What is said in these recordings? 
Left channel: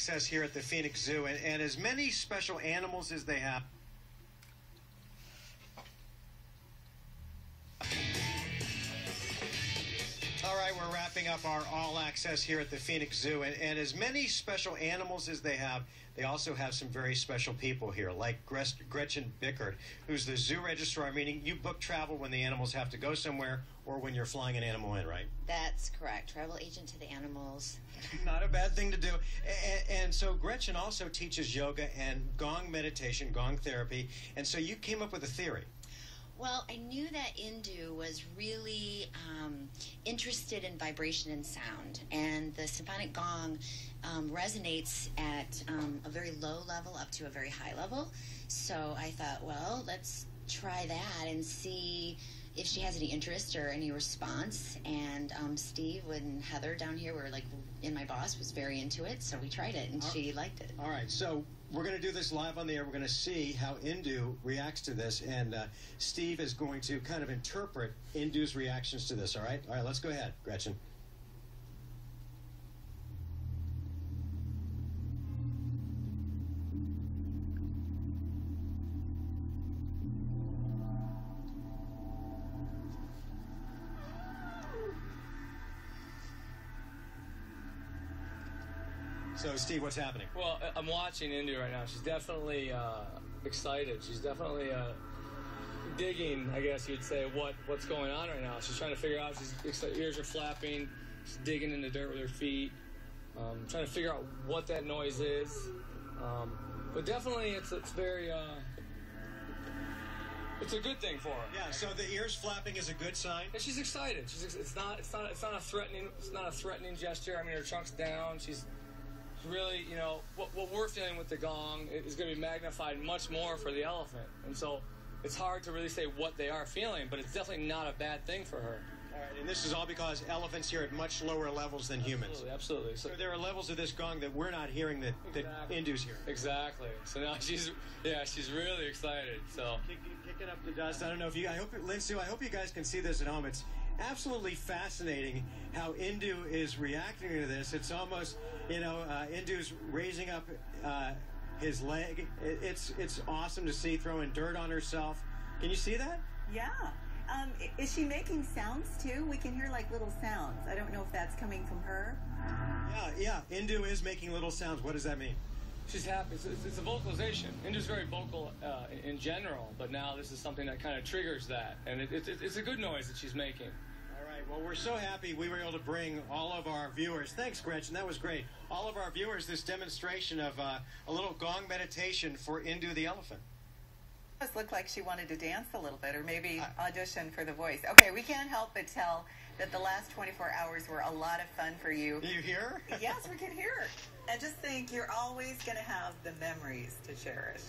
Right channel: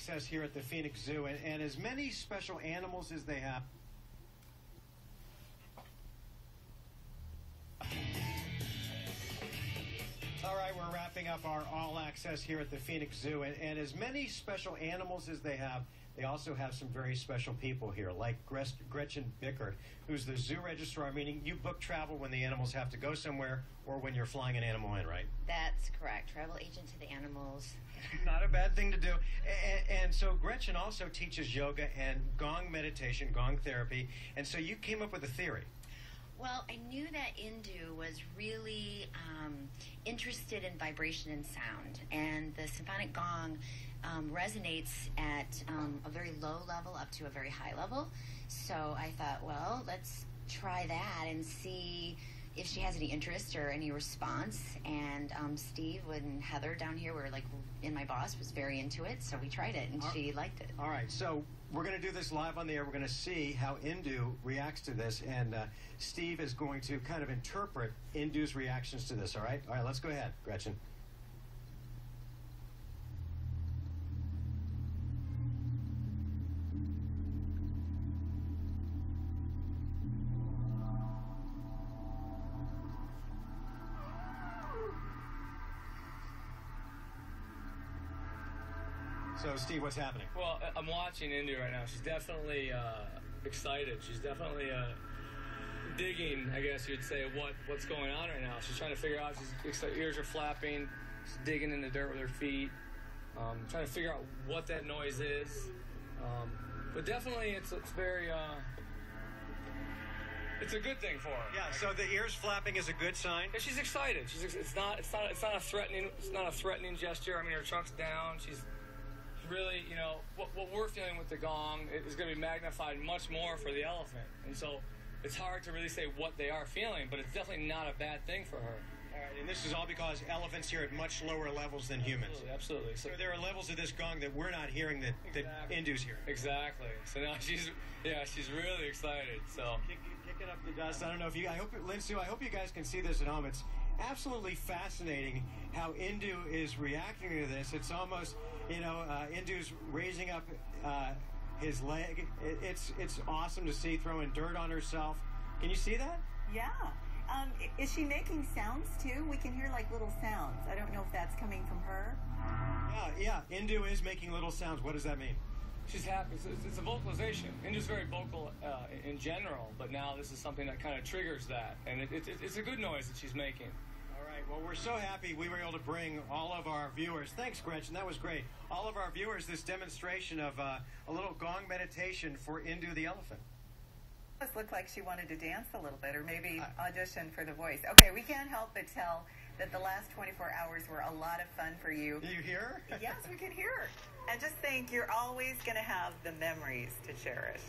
access here at the Phoenix Zoo, and as many special animals as they have. All right, we're wrapping up our all access here at the Phoenix Zoo, and as many special animals as they have, they also have some very special people here, like Gretsen, who's the zoo registrar, meaning you book travel when the animals have to go somewhere or when you're flying an animal in, right? That's correct. Travel agent to the animals. Not a bad thing to do. And so Gretsen also teaches yoga and Gong meditation, Gong therapy, and so you came up with a theory. Well, I knew that Indu was really interested in vibration and sound, and the symphonic gong resonates at a very low level up to a very high level. So I thought, well, let's try that and see if she has any interest or any response. And Steve and Heather down here were like, and my boss was very into it, so we tried it, and she liked it. All right, so we're going to do this live on the air. We're going to see how Indu reacts to this, and Steve is going to kind of interpret Indu's reactions to this, all right? All right, let's go ahead, Gretsen. So, Steve, what's happening? Well, I'm watching Indu right now. She's definitely excited. She's definitely digging, I guess you'd say, what's going on right now. She's trying to figure out. Her ears are flapping. She's digging in the dirt with her feet, trying to figure out what that noise is. But definitely, it's very. It's a good thing for her. Yeah. So the ears flapping is a good sign. Yeah, she's excited. It's not a threatening gesture. I mean, her trunk's down. She's really, you know, what we're feeling with the gong is going to be magnified much more for the elephant. And so it's hard to really say what they are feeling, but it's definitely not a bad thing for her. All right, and this is all because elephants hear at much lower levels than humans. Absolutely. So there are levels of this gong that we're not hearing that Indu's hearing. Exactly. So now she's really excited. So kicking up the dust. I don't know if Lindsay, I hope you guys can see this at home. It's absolutely fascinating how Indu is reacting to this. It's almost, you know, Indu's raising up his leg. It's awesome to see, throwing dirt on herself. Can you see that? Yeah. Is she making sounds too? We can hear like little sounds. I don't know if that's coming from her. Yeah. Indu is making little sounds. What does that mean? She's happy. It's a vocalization. Indu's very vocal in general, but now this is something that kind of triggers that, and it's a good noise that she's making. All right. Well, we're so happy we were able to bring all of our viewers. Thanks, Gretchen. That was great. All of our viewers, this demonstration of a little gong meditation for Indu the elephant. It looked like she wanted to dance a little bit, or maybe audition for The Voice. Okay, we can't help but tell that the last 24 hours were a lot of fun for you. You hear? Yes, we can hear her. And just think, you're always going to have the memories to cherish.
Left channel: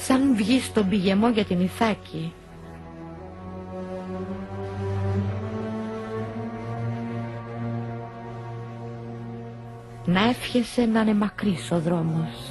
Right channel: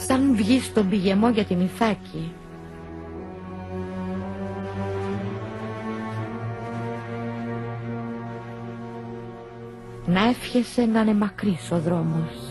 Σαν βγει στον πηγεμό για την Ιθάκη. Να εύχεσαι να είναι μακρύς ο δρόμος.